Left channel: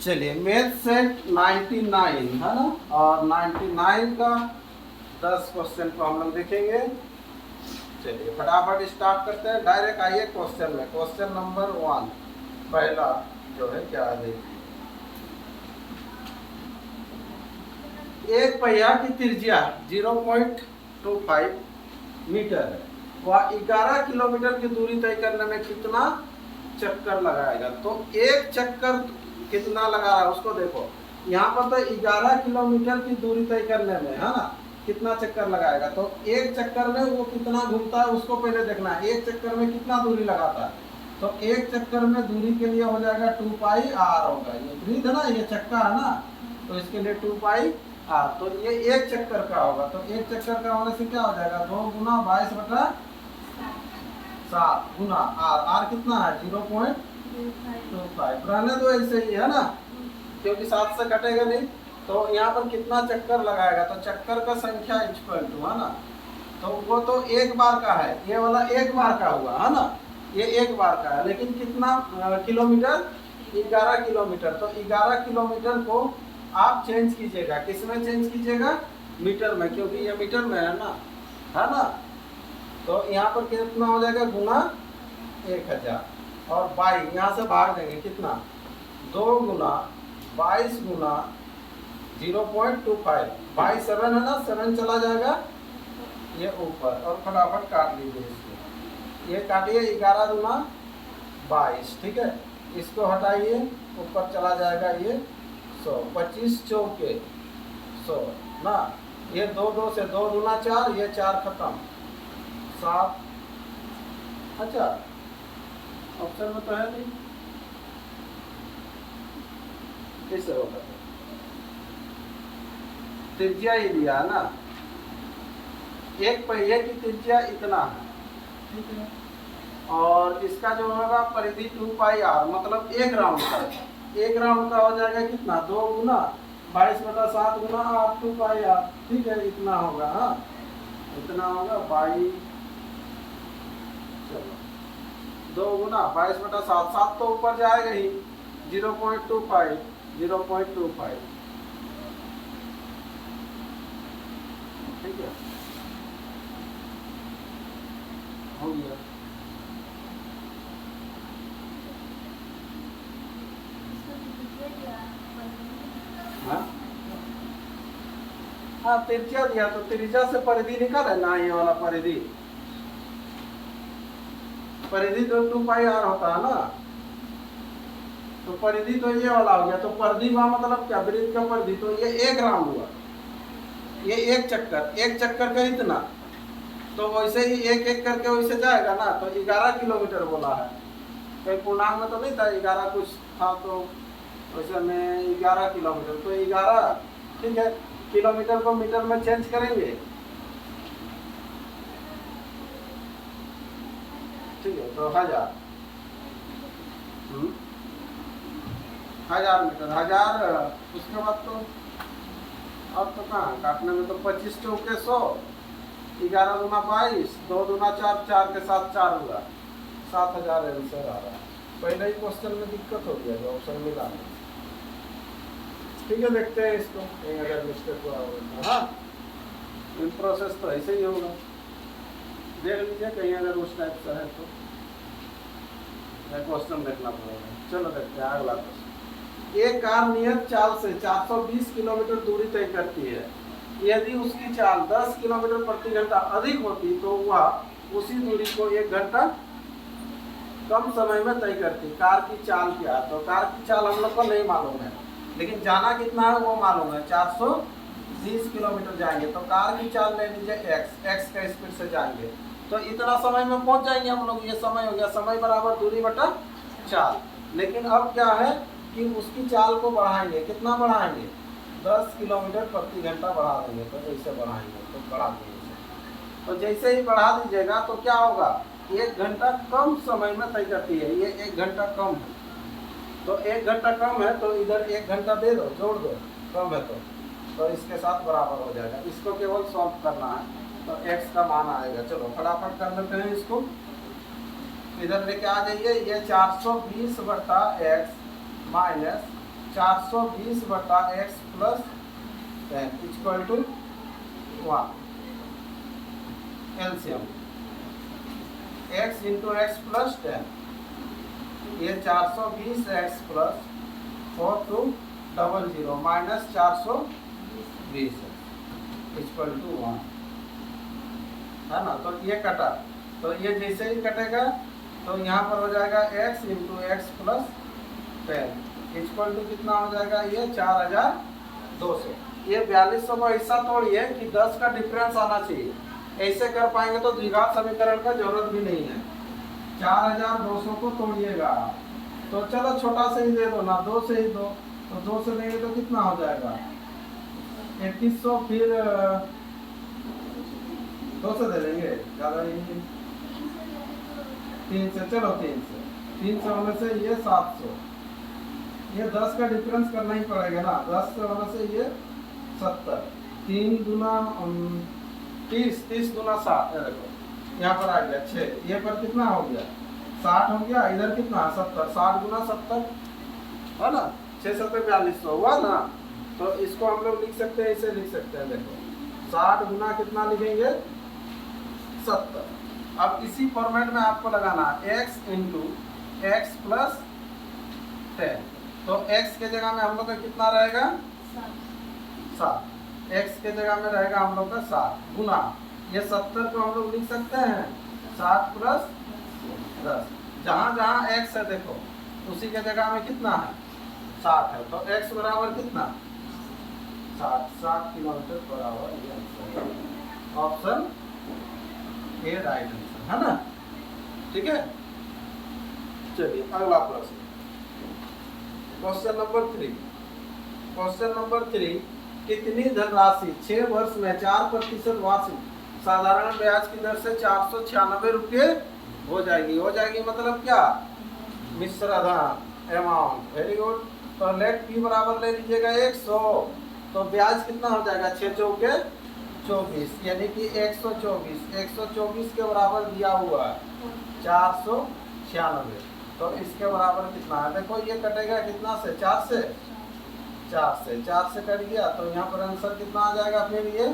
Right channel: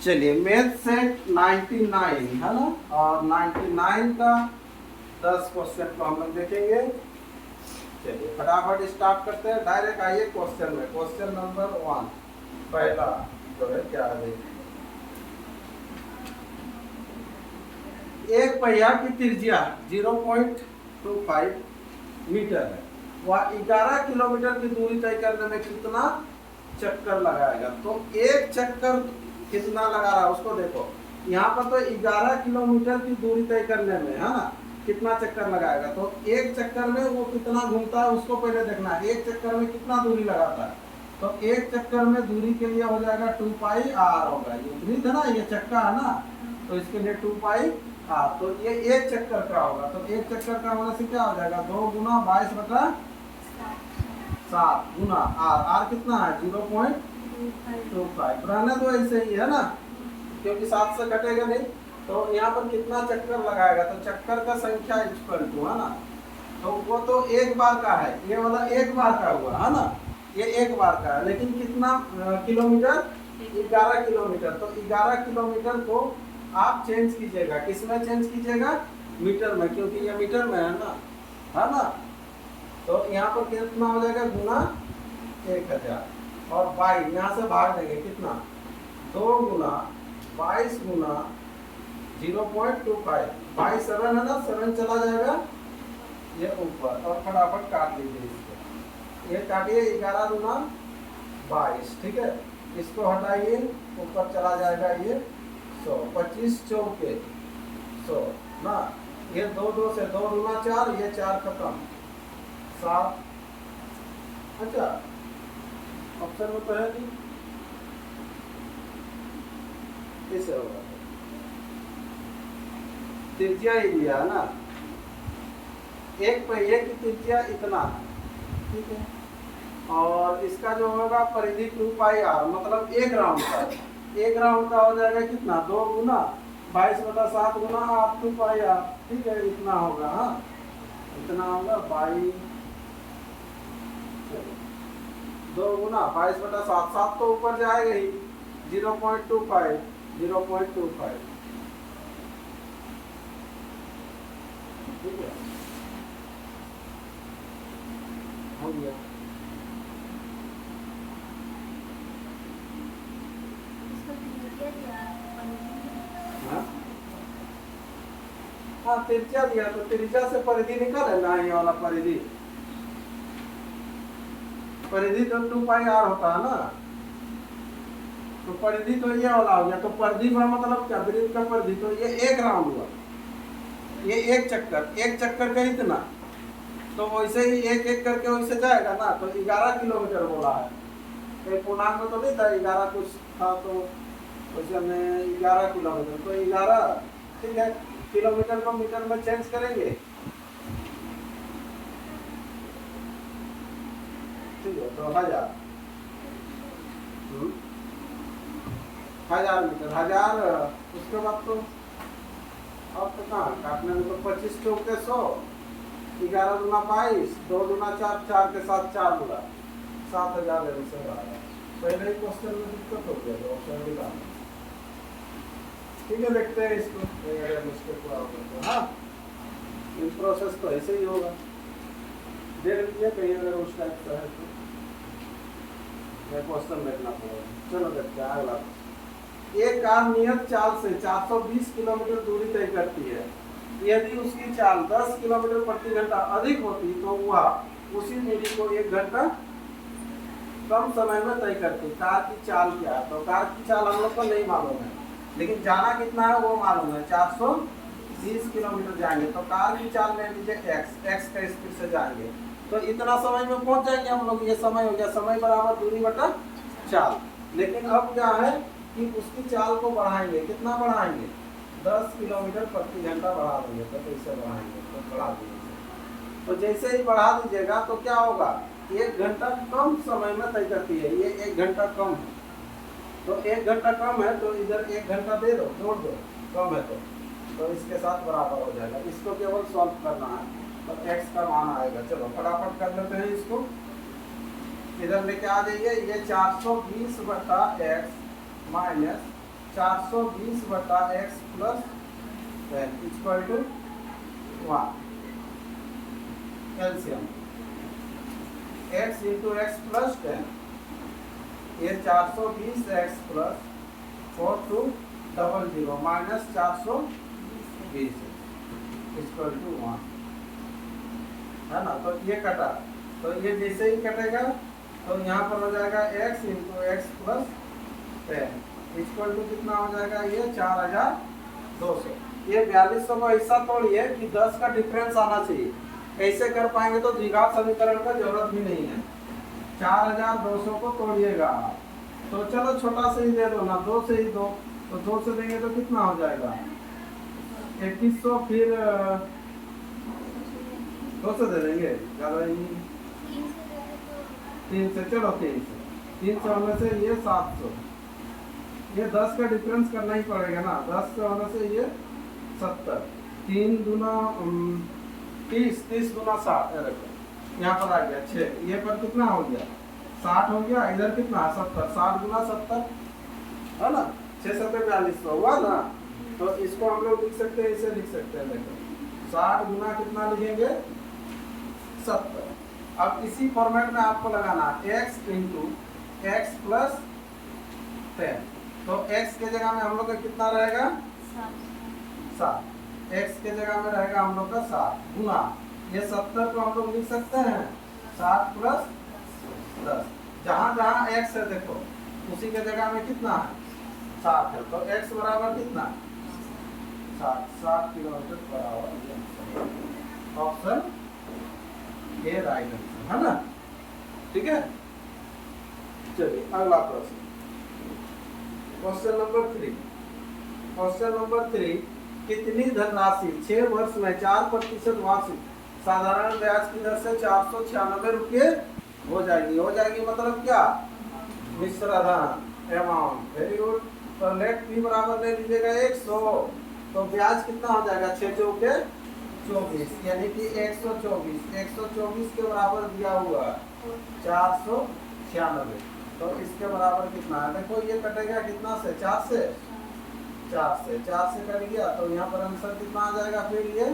चलिए math set 99 है ना, और 99 का 10 क्वेश्चन को हम लोग देखेंगे। चलिए फटाफट स्टार्ट करते हैं, डायरेक्ट आइए क्वेश्चन में। क्वेश्चन नंबर 1 पहला जो है क्या है, एक पहिया की त्रिज्या 0.25 मीटर है, वह 11 किलोमीटर की दूरी तय करने में कितना चक्कर लगाएगा। तो एक चक्कर कितना लगा रहा है उसको देखो। यहाँ पर तो 11 किलोमीटर की दूरी तय करने में है ना कितना चक्कर लगाएगा, तो एक चक्कर में वो कितना घूमता है उसको पहले देखना है। एक चक्कर में कितना दूरी लगाता है, तो एक चक्कर में दूरी के लिए हो जाएगा 2 पाई आर होगा। ये वृत्त है ना, ये चक्का है ना, तो इसके लिए 2 पाई आर। तो ये एक चक्कर का होगा, तो एक चक्कर का होने से क्या हो जाएगा 2 गुना 22/7 गुना आर। आर कितना है 0.25। रहने दो ऐसे ही है ना, क्योंकि 7 से घटेगा नहीं। तो यहाँ पर कितना चक्कर लगाएगा, तो चक्कर का संख्या इक्वल टू है ना, तो वो तो एक बार का है, ये वाला एक बार का हुआ है ना, ये एक बार का है। लेकिन कितना किलोमीटर 11 किलोमीटर। तो 11 किलोमीटर को आप चेंज कीजिएगा, किसमें चेंज कीजिएगा, मीटर में, क्योंकि ये मीटर में है ना। तो यहाँ पर कितना हो जाएगा गुना 1000 और 22 यहाँ से भाग देंगे कितना 2 गुना 22 गुना 0.25। 22 7 है ना, 7 चला जाएगा ये ऊपर, और फटाफट काट लीजिए इसको। ये काटिए 11 गुना 22, ठीक है। इसको हटाइए, ऊपर चला जाएगा ये 100। 25 चौके 100 ना, ये 2 2 से 2 गुना 4, ये 4 खत्म 7। अच्छा ऑप्शन में तो है नहीं, कैसे होगा। त्रिज्या ही दिया है ना, एक पहिए की त्रिज्या इतना है, ठीक है, और इसका जो होगा परिधि 2 पाई आर, मतलब एक राउंड का। एक राउंड का हो जाएगा कितना 2 गुना 22/7 गुना आर 2 पाई आर, ठीक है, इतना होगा। हाँ इतना होगा 22, चलो 2 गुना 22/7, 7 तो ऊपर जाएगा ही, 0.25 0.25, ठीक है, हो गया। हाँ त्रिज्या दिया, तो त्रिज्या से परिधि निकाले ना, ये वाला परिधि तो 2 पाई आर होता है ना, तो परिधि तो ये वाला हो गया। तो परिधि का मतलब क्या, वृत्त का परिधि, तो ये एक राउंड हुआ, ये एक चक्कर का इतना, तो वैसे ही एक एक करके वैसे जाएगा ना। तो 11 किलोमीटर बोला है, कहीं पूर्णांक में तो नहीं था, 11 कुछ था, तो वैसे में 11 किलोमीटर, तो 11, ठीक है। किलोमीटर को मीटर में चेंज करेंगे, ठीक है, तो 1000 1000 मीटर, 1000। उसके बाद तो अब तो कहाँ काटने में, तो 25 चौके 100, 11 गुना 22, 2 गुना 4, 4 के साथ 4 हुआ, 7000 आंसर आ रहा है। पहले ही क्वेश्चन में दिक्कत हो गया, जो ऑप्शन मिला नहीं, ठीक है। देखते हैं इसको, अगर मिस्टेक हुआ होगा तो। हाँ प्रोसेस तो ऐसे ही होगा, देख लीजिए कहीं अगर उस टाइप का है तो क्वेश्चन देखना पड़ेगा। चलो देखते हैं अगला क्वेश्चन। एक कार नियत चाल से 420 किलोमीटर दूरी तय करती है, यदि उसकी चाल 10 किलोमीटर प्रति घंटा अधिक होती तो वह उसी दूरी को 1 घंटा कम समय में तय करती। कार की चाल क्या है, तो कार की चाल हम लोग को नहीं मालूम है, लेकिन जाना कितना है वो मालूम है, 420 किलोमीटर जाएंगे। तो कार की चाल ले लीजिए एक्स का स्पीड से जाएंगे, तो इतना समय में पहुंच जाएंगे हम लोग। ये समय हो गया, समय बराबर दूरी बटा चाल। लेकिन अब क्या है कि उसकी चाल को बढ़ाएंगे, कितना बढ़ाएंगे 10 किलोमीटर प्रति घंटा बढ़ा देंगे। तो कैसे बढ़ाएंगे, तो बढ़ा देंगे, तो जैसे ही बढ़ा दीजिएगा तो क्या होगा 1 घंटा कम समय में तय करती है। ये 1 घंटा कम है, तो 1 घंटा कम है, तो इधर 1 घंटा दे दो, जोड़ दो, कम है तो इसके साथ बराबर हो जाएगा। इसको केवल सॉल्व करना है, तो x का मान आएगा। चलो फटाफट कर लेते हैं इसको, इधर लेके आ जाइए। ये 420/x माइनस 420 बटा x plus 10 equal to 1। LCM x into x plus 10, ये 420 x plus 4200 minus 420 equal to 1 है ना। तो ये कटा, तो ये जैसे ही कटेगा तो यहाँ पर हो जाएगा x into x plus 10 equal to कितना हो जाएगा, ये 4200। ये 4200 को ऐसा तोड़िए कि 10 का डिफरेंस आना चाहिए, ऐसे कर पाएंगे तो द्विघात समीकरण का जरूरत भी नहीं है। 4200 को तोड़िएगा, तो चलो छोटा से ही दे दो ना, 2 से ही दो, तो 2 से देंगे तो कितना हो जाएगा 2100, फिर 2 से दे देंगे, ज़्यादा ही 3 से, चलो 3 से होने से ये 700, ये 10 का डिफरेंस करना ही पड़ेगा ना, 10 से होने से ये 70, 3 दूना 30, 30 दूना 60, देखो यहाँ पर आ गया 6, ये पर कितना हो गया 60 हो गया, इधर कितना 70, 60 गुना 70 है ना, 6 7 4200 हुआ ना। तो इसको हम लोग लिख सकते हैं, इसे लिख सकते हैं, देखो 60 गुना कितना लिखेंगे 70। अब इसी फॉर्मेट में आपको लगाना x इंटू एक्स प्लस 10, तो x के जगह में हम लोग का कितना रहेगा 7, x के जगह में रहेगा हम लोग का 7 गुना ये 70 को हम लोग लिख सकते हैं 7 प्लस 10, जहाँ जहाँ x है देखो उसी के जगह में कितना है 7 है, तो x बराबर कितना 7 किलोमीटर पर आवर, ये ऑप्शन ए राइट आंसर है ना। ठीक है, चलिए अगला प्रश्न, क्वेश्चन नंबर 3। क्वेश्चन नंबर 3, कितनी धनराशि 6 वर्ष में 4% वार्षिक साधारण ब्याज की दर से 496 रुपये हो जाएगी। हो जाएगी मतलब क्या, मिश्र धन अमाउंट, वेरी गुड। तो लेट पी बराबर ले लीजिएगा 100, तो ब्याज कितना हो जाएगा 6 चौके 24, यानी कि 124 के बराबर दिया हुआ है 496, तो इसके बराबर कितना है, देखो ये कटेगा कितना से 4 से कट गया, तो यहाँ पर आंसर कितना आ जाएगा, फिर ये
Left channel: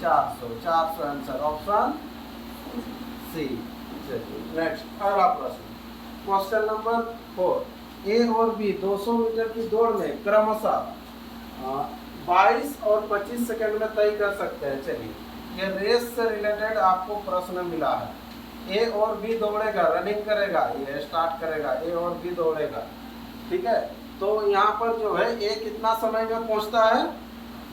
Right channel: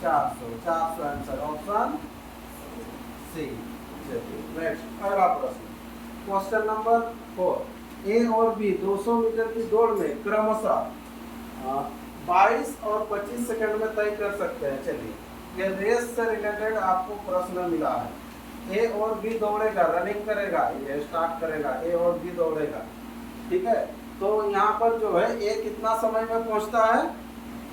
400 आंसर ऑप्शन सी। नेक्स्ट अगला प्रश्न, क्वेश्चन नंबर 4, ए और बी 200 मीटर की दौड़ में क्रमशः 22 और 25 सेकंड में तय कर सकते हैं। चलिए, ये रेस से रिलेटेड आपको प्रश्न मिला है। ए और बी दौड़ेगा, रनिंग करेगा, ये स्टार्ट करेगा, ए और बी दौड़ेगा, ठीक है। तो यहाँ पर जो है ए कितना समय में पहुँचता है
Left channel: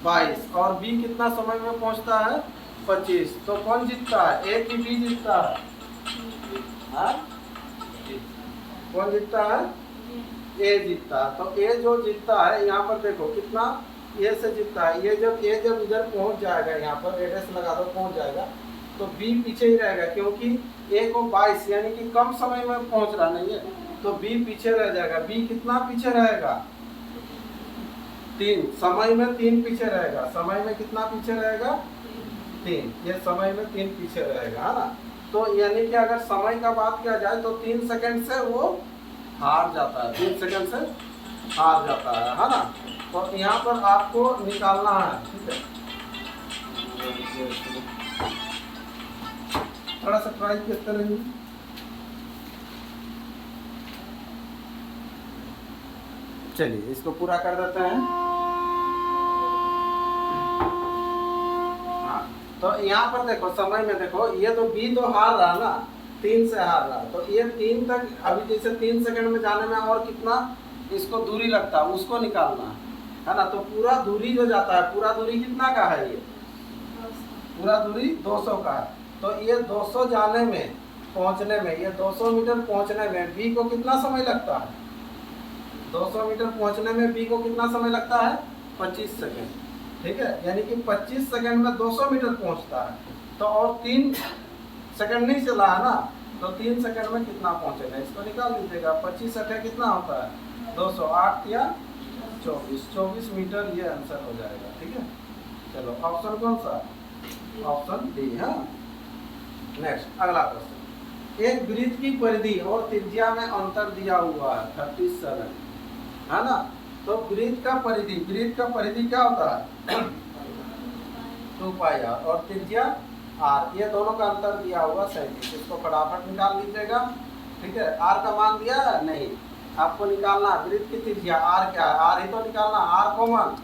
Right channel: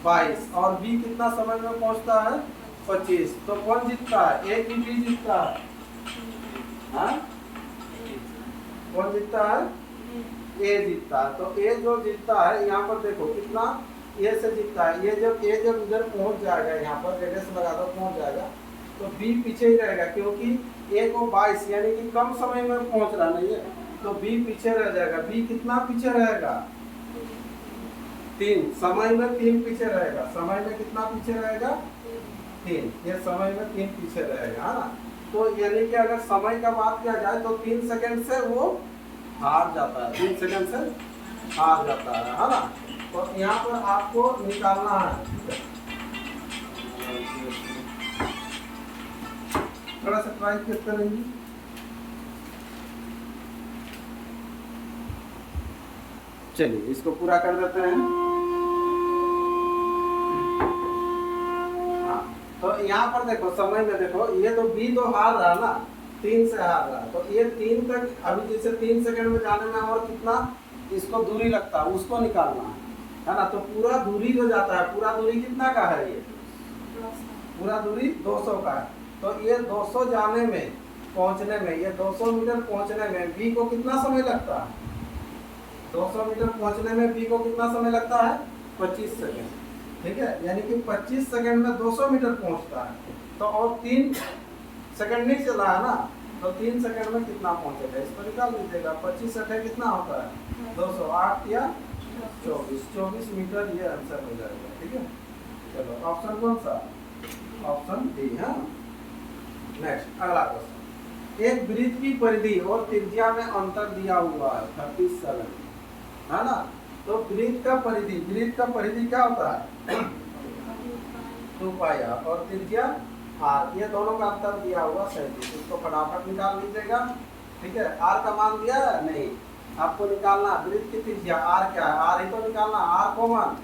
22 और बी कितना समय में पहुँचता है 25, तो कौन जीतता है, ए की बी जीतता है, हाँ? कौन जीतता है, ए जीतता है। तो ए जो जीतता है यहाँ पर देखो कितना ए से जीतता है, ये जब ए जब इधर पहुँच जाएगा, यहाँ पर एड्रेस लगा दो, पहुँच जाएगा, तो बी पीछे ही रहेगा, क्योंकि ए को 22 यानी कि कम समय में पहुँच रहा नहीं है, तो बी पीछे रह जाएगा। बी कितना पीछे रहेगा 3, समय में 3 पीछे रहेगा, समय में कितना पीछे रहेगा 3, ये समय में 3 पीछे रहेगा, है ना। तो यानी कि अगर समय का बात किया जाए तो 3 सेकंड से वो हार जाता है, 3 सेकंड से हार जाता है ना। तो यहाँ पर आपको निकालना है, ठीक है, थोड़ा सा ट्राई करते रहिए। चलिए इसको पूरा कर देते हैं। हाँ, तो यहाँ पर देखो समय में देखो, ये तो बी तो हार रहा ना, 3 से हार रहा, तो ये 3 तक अभी जैसे 3 सेकंड में जाने में और कितना इसको दूरी लगता है उसको निकालना है ना। तो पूरा दूरी जो जाता है, पूरा दूरी कितना का है, ये पूरा दूरी 200 का है। तो ये 200 जाने में पहुँचने में, ये 200 मीटर पहुँचने में बी को कितना समय लगता है, 200 मीटर पहुंचने में बी को कितना समय लगता है 25 सेकंड, ठीक है, यानी कि 25 सेकंड में 200 मीटर पहुंचता है। तो और 3 सेकंड नहीं चला है ना, तो 3 सेकंड में कितना पहुंचेगा, इसको निकाल लीजिएगा। 25 सेकंड कितना होता है 208 या 24 मीटर, ये आंसर हो जाएगा, ठीक है। चलो ऑप्शन कौन सा, ऑप्शन डी है। नेक्स्ट अगला क्वेश्चन, एक वृत्त की परिधि और त्रिज्या में अंतर दिया हुआ है 37 है ना। तो वृत्त का परिधि क्या होता है 2 पाई आर, और त्रिज्या आर, ये दोनों का अंतर दिया हुआ 37, इसको फटाफट निकाल लीजिएगा। ठीक है, आर का मान दिया नहीं, आपको निकालना वृत्त की त्रिज्या आर क्या है, आर ही तो निकालना, आर कॉमन,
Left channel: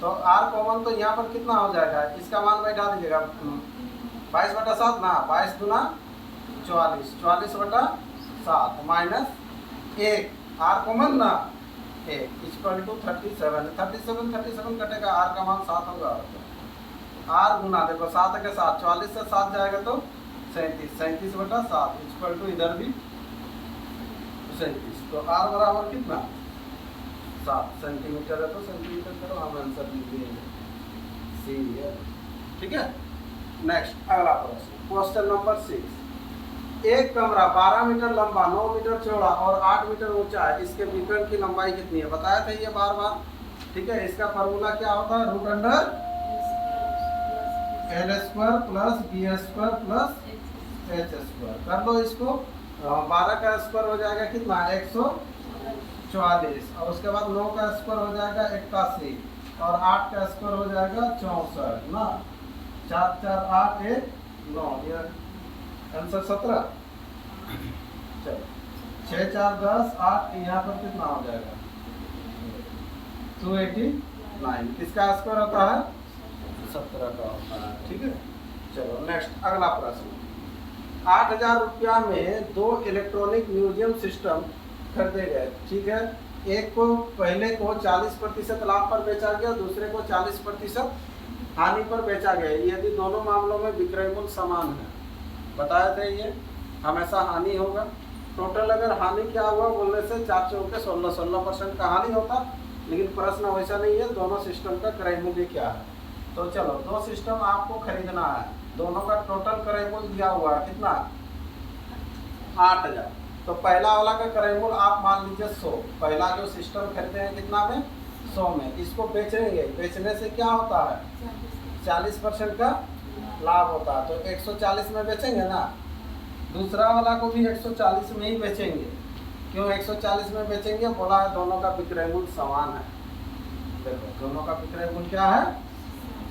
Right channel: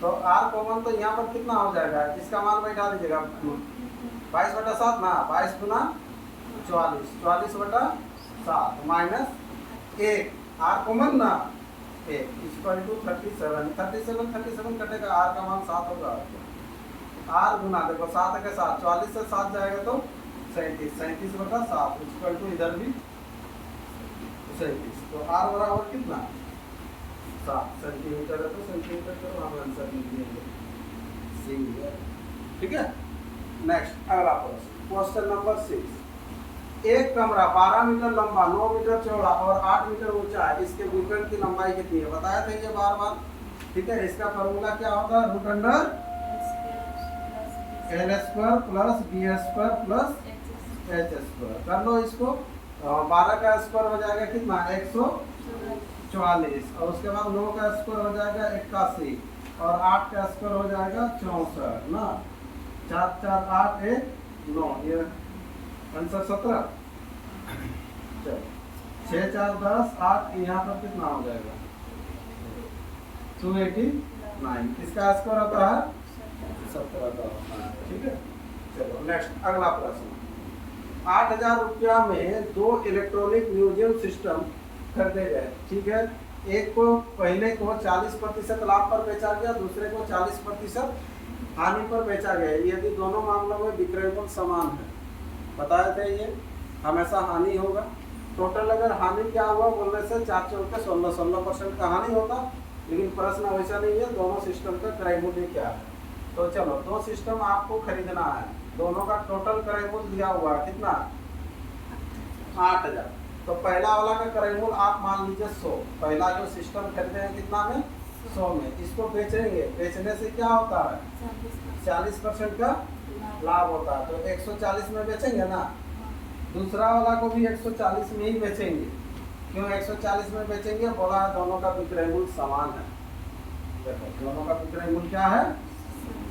तो आर कॉमन तो यहाँ पर कितना हो जाएगा, इसका मान बैठा दीजिएगा 22/7 ना, 22 गुना 44, 44/7 माइनस 1, आर कॉमन ना 1 इक्वल टू 37 कटेगा, आर का मान 7 होगा, आर गुना देखो 7 के साथ 44 से 7 जाएगा तो 37/7 इक्वल टू इधर भी 37, तो आर बराबर कितना 7 सेंटीमीटर है, तो सेंटीमीटर करो, हम आंसर लिख देंगे सी है। ठीक है, नेक्स्ट अगला प्रश्न, क्वेश्चन नंबर 6, एक कमरा 12 मीटर लंबा, 9 मीटर चौड़ा और 8 मीटर ऊंचा है, इसके विकर्ण की लंबाई कितनी है, बताया था ये बार बार। ठीक है, इसका फॉर्मूला क्या होता है, root under L square plus B square plus H square, कर लो इसको, 12 का स्क्वायर हो जाएगा कितना 144, और उसके बाद 9 का स्क्वायर हो जाएगा 81, और 8 का स्क्वायर हो जाएगा 64 ना, 4 4 8 1 9, ये आंसर 17। चलो 6 4 10 8, यहाँ पर कितना हो जाएगा 289, किसका स्क्वायर होता है 17 का होता है। ठीक है, चलो नेक्स्ट अगला प्रश्न, 8,000 रुपया में 2 इलेक्ट्रॉनिक म्यूजियम सिस्टम खरीदे गए। ठीक है, एक को पहले को 40% लाभ पर बेचा गया, दूसरे को 40% हानि पर बेचा गया, यदि दोनों मामलों में विक्रय मूल्य समान है, बताया था ये हमेशा हानि होगा। टोटल अगर हानि क्या हुआ बोलने से 4 चौके 16% का हानि होता, लेकिन प्रश्न वैसा नहीं है, दोनों सिस्टम का क्रय मूल्य क्या है। तो चलो 2 सिस्टम आपको खरीदना है, दोनों का टोटल क्रय मूल्य दिया हुआ है कितना 8,000, तो पहला वाला का क्रय मूल्य आप मान लीजिए 100, पहला जो सिस्टम खरीदे हैं कितना में 100 में, इसको बेचेंगे, बेचने से क्या होता है 40% का लाभ होता है, तो 140 में बेचेंगे ना, दूसरा वाला को भी 140 में ही बेचेंगे, क्यों 140 में बेचेंगे, बोला दोनों का विक्रय मूल्य समान है। देखो दोनों का विक्रय मूल्य क्या है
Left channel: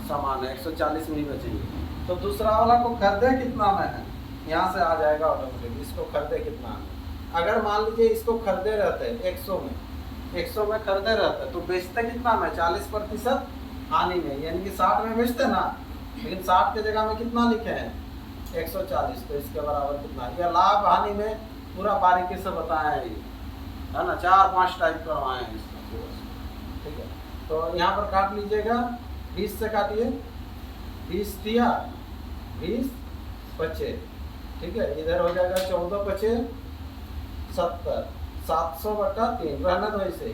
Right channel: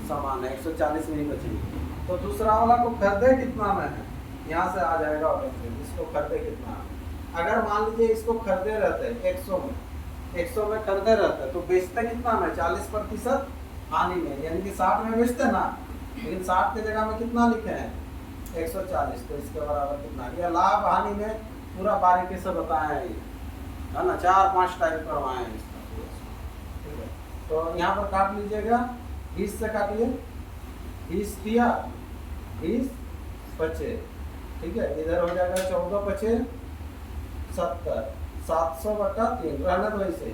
समान है, 140 में ही बेचेंगे, तो दूसरा वाला को खरीदे कितना में है, यहाँ से आ जाएगा ऑटोमेटिक, इसको खरीदे कितना में, अगर मान लीजिए इसको खरीदे रहते 100 में खरीदे रहते तो बेचते कितना में 40% हानि में, यानी कि 60 में बेचते ना, लेकिन 60 के जगह में कितना लिखे हैं 140, तो इसके बराबर कितना, यह लाभ हानि में पूरा बारीकी से बताया है, ये है ना, 4-5 टाइप करवाए हैं इसका पूरा। ठीक है, तो यहाँ पर काट लीजिएगा, 20 से काटिए, 20 दिया 20 बचे, ठीक है, इधर हो जाएगा 14 बचे 70, 700/3 रहना तो ऐसे ही,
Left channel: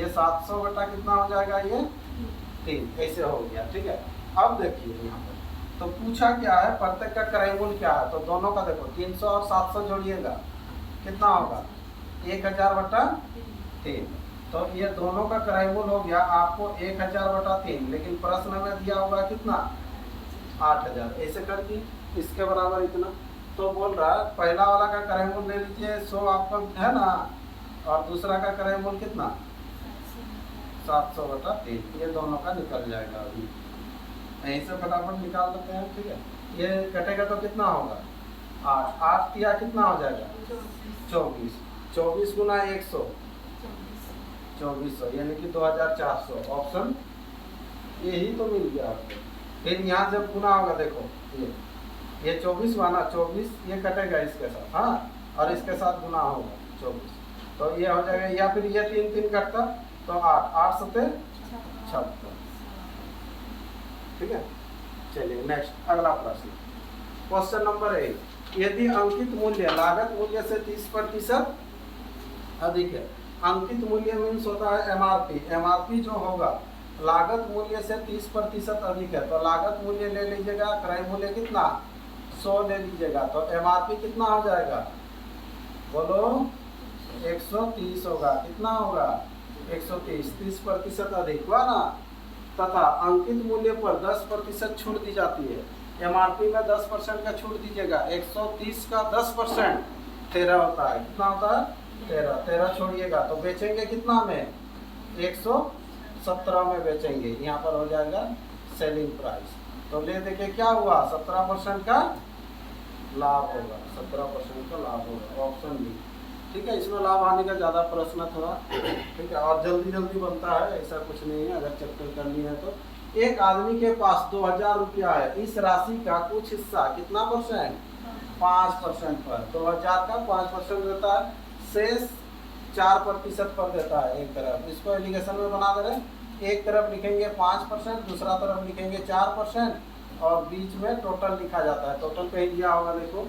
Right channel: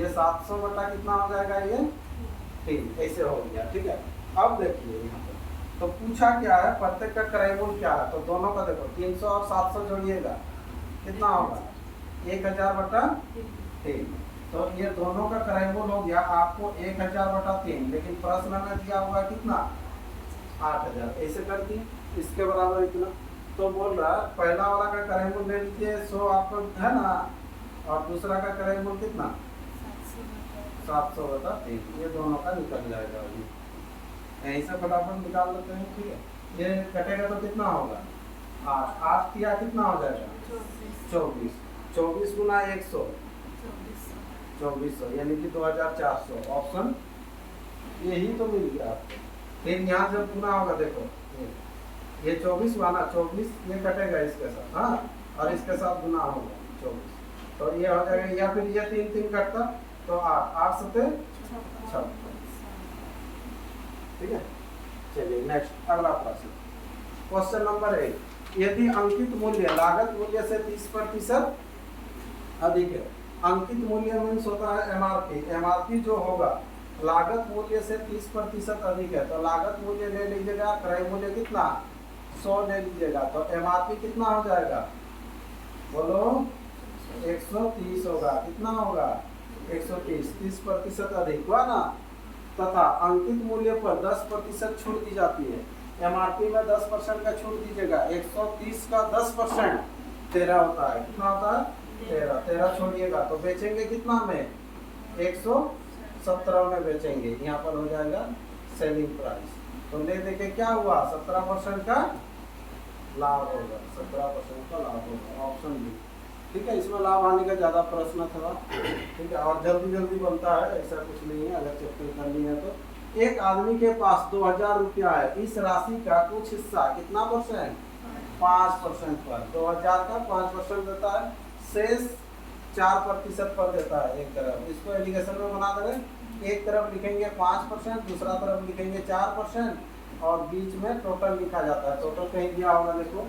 ये 700 बटा कितना हो जाएगा ये 3, ऐसे हो गया। ठीक है, अब देखिए यहाँ पर तो पूछा क्या है, प्रत्येक का क्रय मूल्य क्या है, तो दोनों का देखो 300 और 700 जोड़िएगा कितना होगा 1000/3, तो ये दोनों का क्रय मूल्य हो गया आपको 1000/3, लेकिन प्रश्न में दिया हुआ कितना 8,000, ऐसे कर दी इसके बराबर इतना, तो बोल रहा है पहला वाला का क्रय मूल्य ले लीजिए 100 आपका है ना, और दूसरा का क्रय मूल्य कितना 700/3, ये दोनों का निकल जाएगा, अभी ऐसे फटाफट निकाल लेते हैं। ठीक है, ये कटेगा तो कितना होगा 8 किया कितना हो जाएगा 24 गुना 100 2400, यानी कि 2400, ऑप्शन यही तो मिल गया आपको। फिर यहाँ जब गुना होगा देखो ये 24 हुआ ना, 24 ये कटेगा इसके साथ, हाँ, और इसके साथ गुना होगा 24, तो ये हो जाएगा, या फिर ये 3 कटता तो 8 7 76। ठीक है, चलिए नेक्स्ट अगला प्रश्न, क्वेश्चन नंबर 1, यदि अंकित मूल्य लागत मूल्य से 30% अधिक है, अंकित मूल्य मीन्स होता है एमआरपी, एमआरपी जो होगा लागत मूल्य से 30% अधिक है, तो लागत मूल्य ले लीजिएगा, क्रय मूल्य कितना 100 ले लीजिएगा, तो एमआरपी कितना हो जाएगा बोलो 130 होगा, कितना होगा 130, 30% अधिक हुआ ना, तथा अंकित मूल्य पर 10% छूट दी जाती है, एमआरपी में 10% का छूट दीजिएगा, 130 का 10% 13 होता है, कितना होता है 13 छोड़िएगा, तो बेचेंगे कितना में 117 में बेचेंगे, यहाँ पर हो जाएगा सेलिंग प्राइस। तो ले दे के क्या हुआ, 17% का लाभ होगा, 17% का लाभ होगा, ऑप्शन बी। ठीक है, इसमें लाभ हानि का ज़्यादा प्रश्न था। ठीक है, और जल्दी जल्दी बनता है, ऐसा कुछ नहीं है, अगर चैप्टर करनी है तो। एक आदमी के पास 2000 रुपया है, इस राशि का कुछ हिस्सा कितना परसेंट, 5% पर, 2000 का 5% रहता है, शेष 4% पर देता है एक तरफ। इसको एलिगेशन में बना दे रहे, एक तरफ लिखेंगे 5%, दूसरा तरफ लिखेंगे 4%, और बीच में टोटल लिखा जाता है। टोटल कहीं दिया होगा देखो,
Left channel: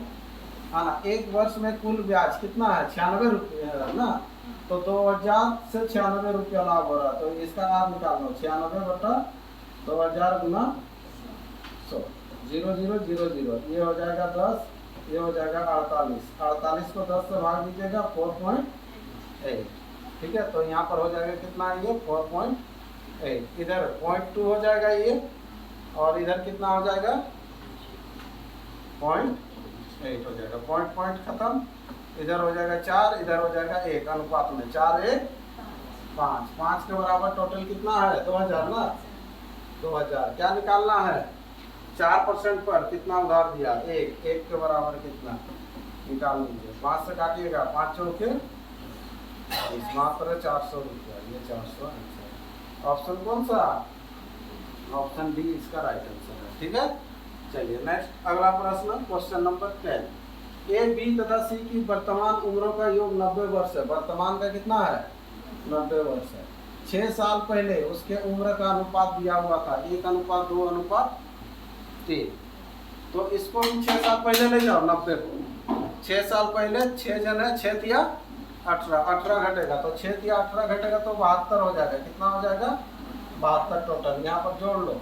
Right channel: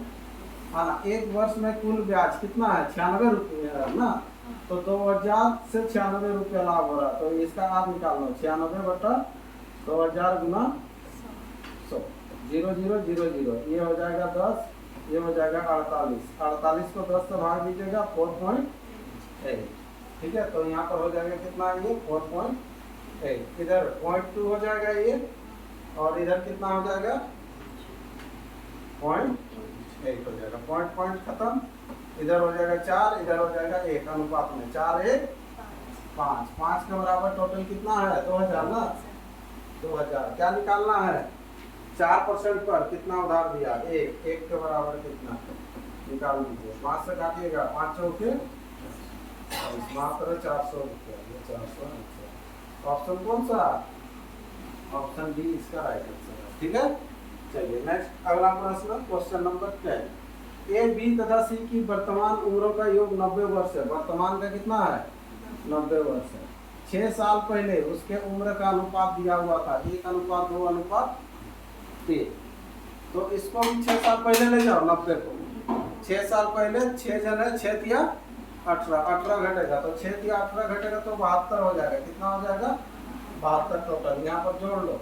है ना। एक वर्ष में कुल ब्याज कितना है, 96 रुपये है ना। तो 2000 से 96 रुपया लाभ हो रहा है, तो इसका आप निकाल लो, 96 बटा 2000 गुना 100, 0 0 0 0, ये हो जाएगा 10, ये हो जाएगा 48, 48 को 10 से भाग दीजिएगा 4.8। ठीक है, तो यहाँ पर हो जाएगा कितना है ये 4.8, इधर 0.2 हो जाएगा ये, और इधर कितना हो जाएगा 0.8 हो जाएगा, पॉइंट खत्म। इधर हो जाएगा 4, इधर हो जाएगा 1, अनुपात में 4 1 5, 5 के बराबर टोटल कितना है 2000 ना। 2000 क्या निकालना है, 4% पर कितना उधार दिया, 1, 1 के बराबर कितना निकाल लीजिए, 5 से काटिएगा, 5 चौके मात्र 400 रुपया, ये 400। ऑप्शन कौन सा, ऑप्शन डी इसका राइट आंसर है। ठीक है, चलिए नेक्स्ट अगला प्रश्न, क्वेश्चन नंबर 10। ए, बी तथा सी की वर्तमान उम्रों का योग 90 वर्ष है। वर्तमान का कितना है 90 वर्ष है। 6 साल पहले उसके उम्र का अनुपात दिया हुआ था 1:2:3। तो इसको हम 6 साल पहले ले जाओ, 90 को 6 साल पहले, 6 जन है, 6 तिया 18, 18 घटेगा, तो 6 तिया 18 घटेगा तो 72 हो जाएगा। कितना हो जाएगा 72 टोटल। यहाँ पर जोड़ लो,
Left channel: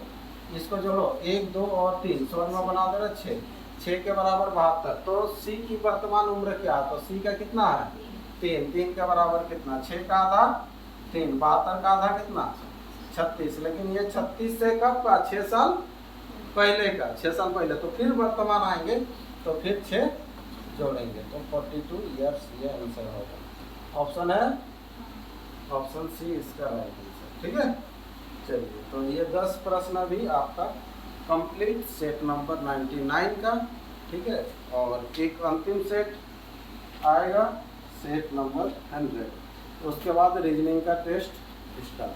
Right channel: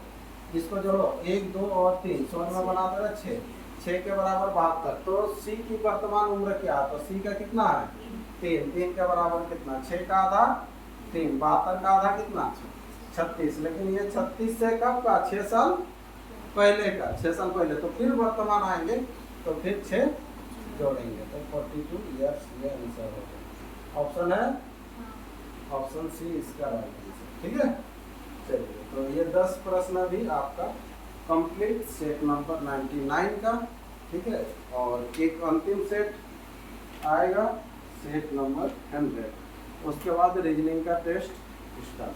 इसको जोड़ो, 1 2 और 3, समझ में बना दे रहे 6, 6 के बराबर 72। तो सी की वर्तमान उम्र क्या है, तो सी का कितना है 3, 3 के बराबर कितना, 6 का आधा 3, 72 का आधा कितना 36। लेकिन ये 36 से कब का, 6 साल पहले का, 6 साल पहले। तो फिर वर्तमान आएंगे तो फिर 6 जोड़ेंगे, तो 42 ईयर्स ये आंसर होगा। ऑप्शन है ऑप्शन सी इसका राइट आंसर। ठीक है, चलिए तो ये 10 प्रश्न भी आपका कंप्लीट सेट नंबर 99 का। ठीक है, और एक अंतिम सेट आएगा सेट नंबर 100, उसके बाद रीजनिंग का टेस्ट स्टार्ट।